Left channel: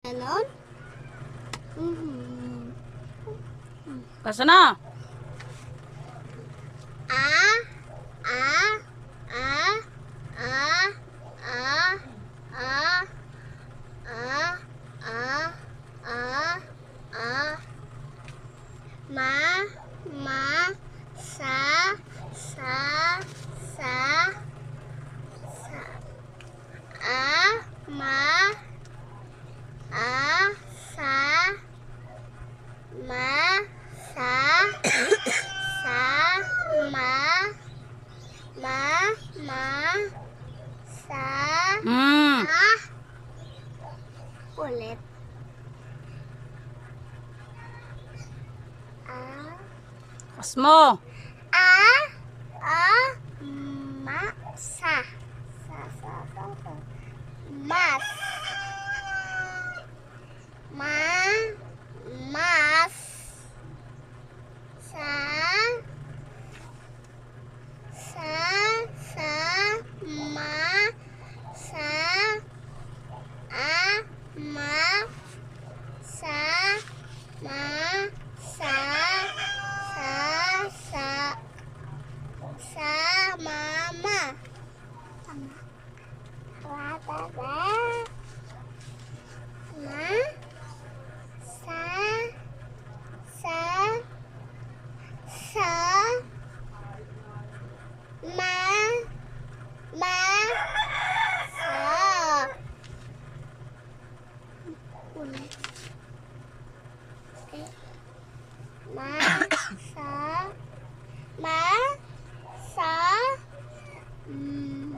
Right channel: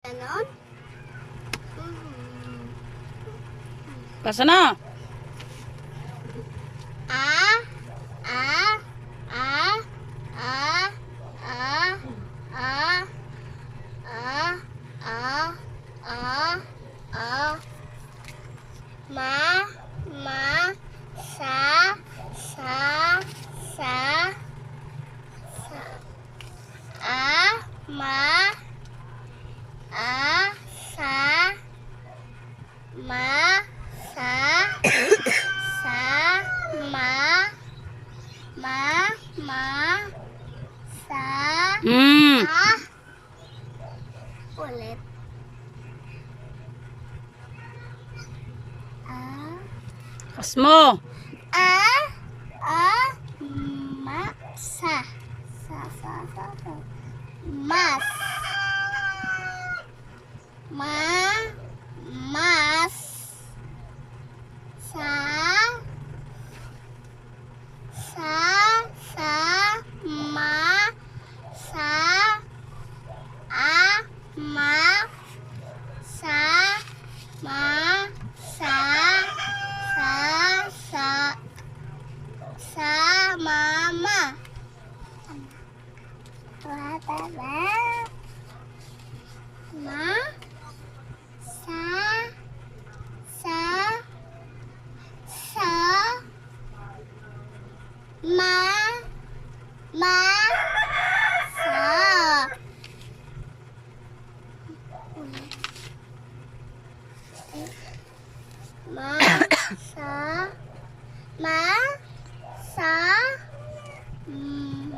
Ganon? Basta na. A, A, A, A, A, A, A, A, A, A, Ma, Sa, Sa, A, Ma, A, Sa, Ma, Sa, Sa, Ma, Sa, ulit. Kasmo. Ma, Sa, Mas, Mas, Sa, Ma, Sa, Ma, Sa, Ma, Sa, Mama. Ma, Sa, Ma, Sa. Ulit. Ma, Sa, Ma, Sa,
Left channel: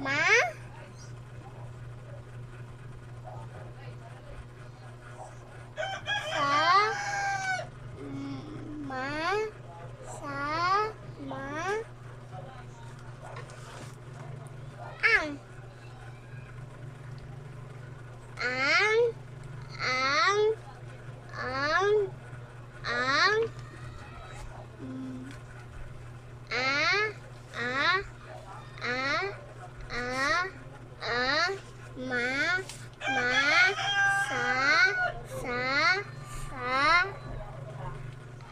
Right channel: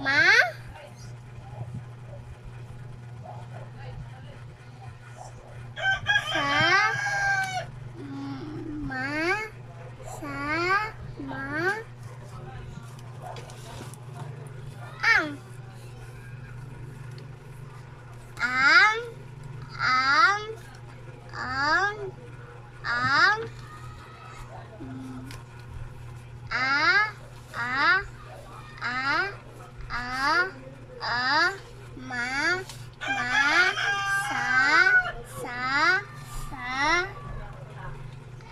Ma, Sa, Ma, Sa, Ma, ang, ang, ang, ang, ang, a, a, a, ma, sa,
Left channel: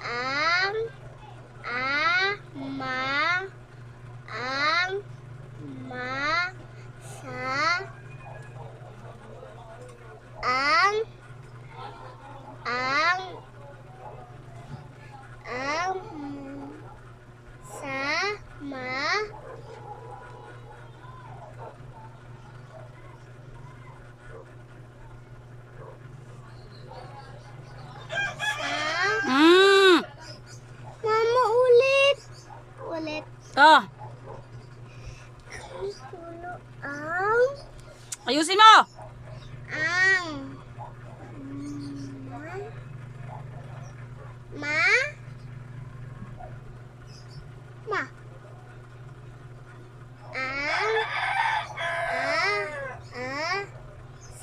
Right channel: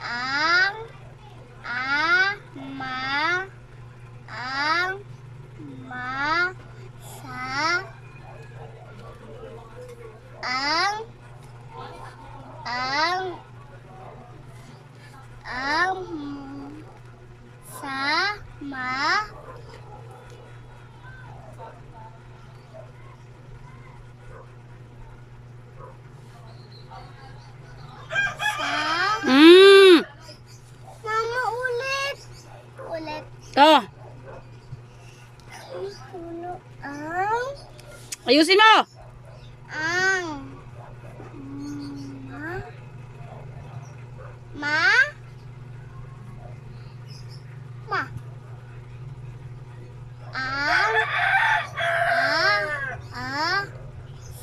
ang, ma, sa, ang, sa, ma, sa, Mama, ulit. Ulit. To. Tulo ang, Ayusin mo. ang, ma, ma, ang,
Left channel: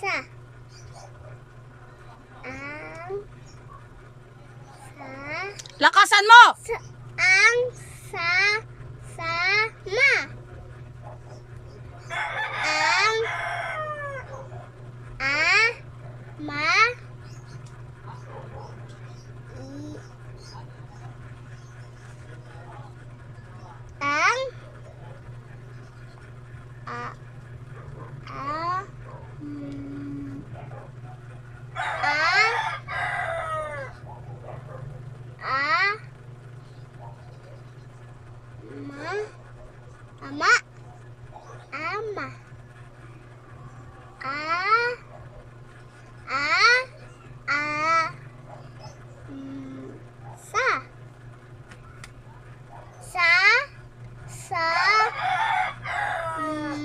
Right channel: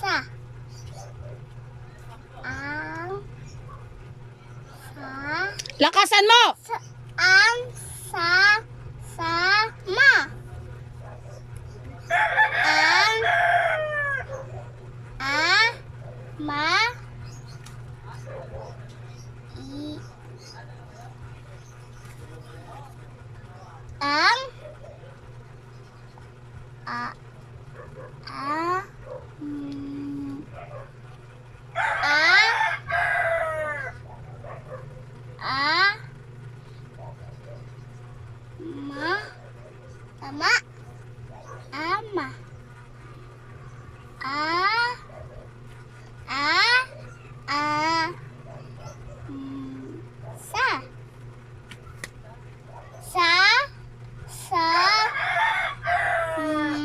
sa, ang, sa, Lakasan mo. ang, sa, ma, ang, ma, i, ang, mm, ma, ama, ama, sa, sa,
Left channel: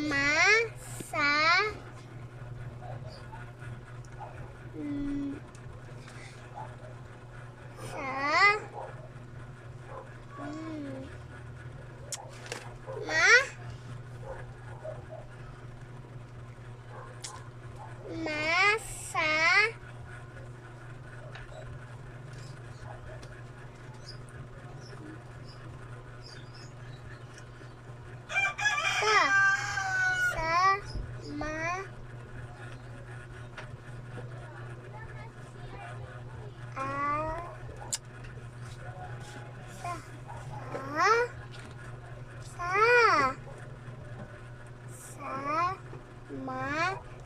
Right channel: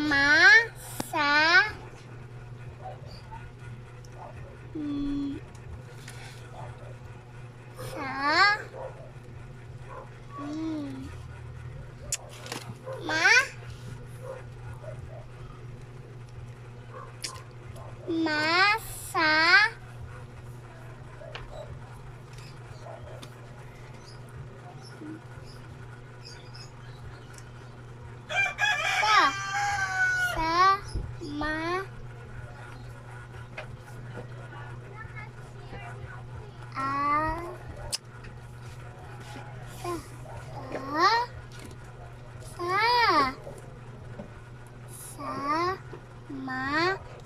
ma, sa, sa, ma, sa, ma,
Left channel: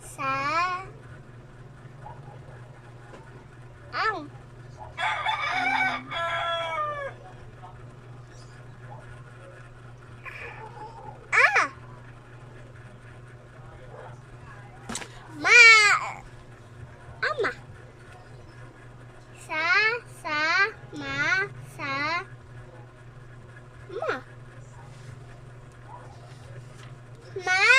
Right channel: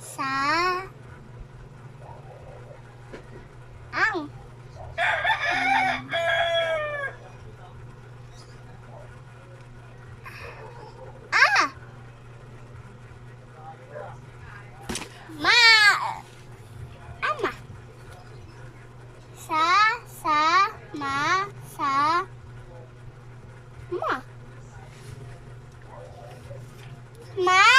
Sa. Ang. Ah. Ma. Ama. Sa. Ma. Ma.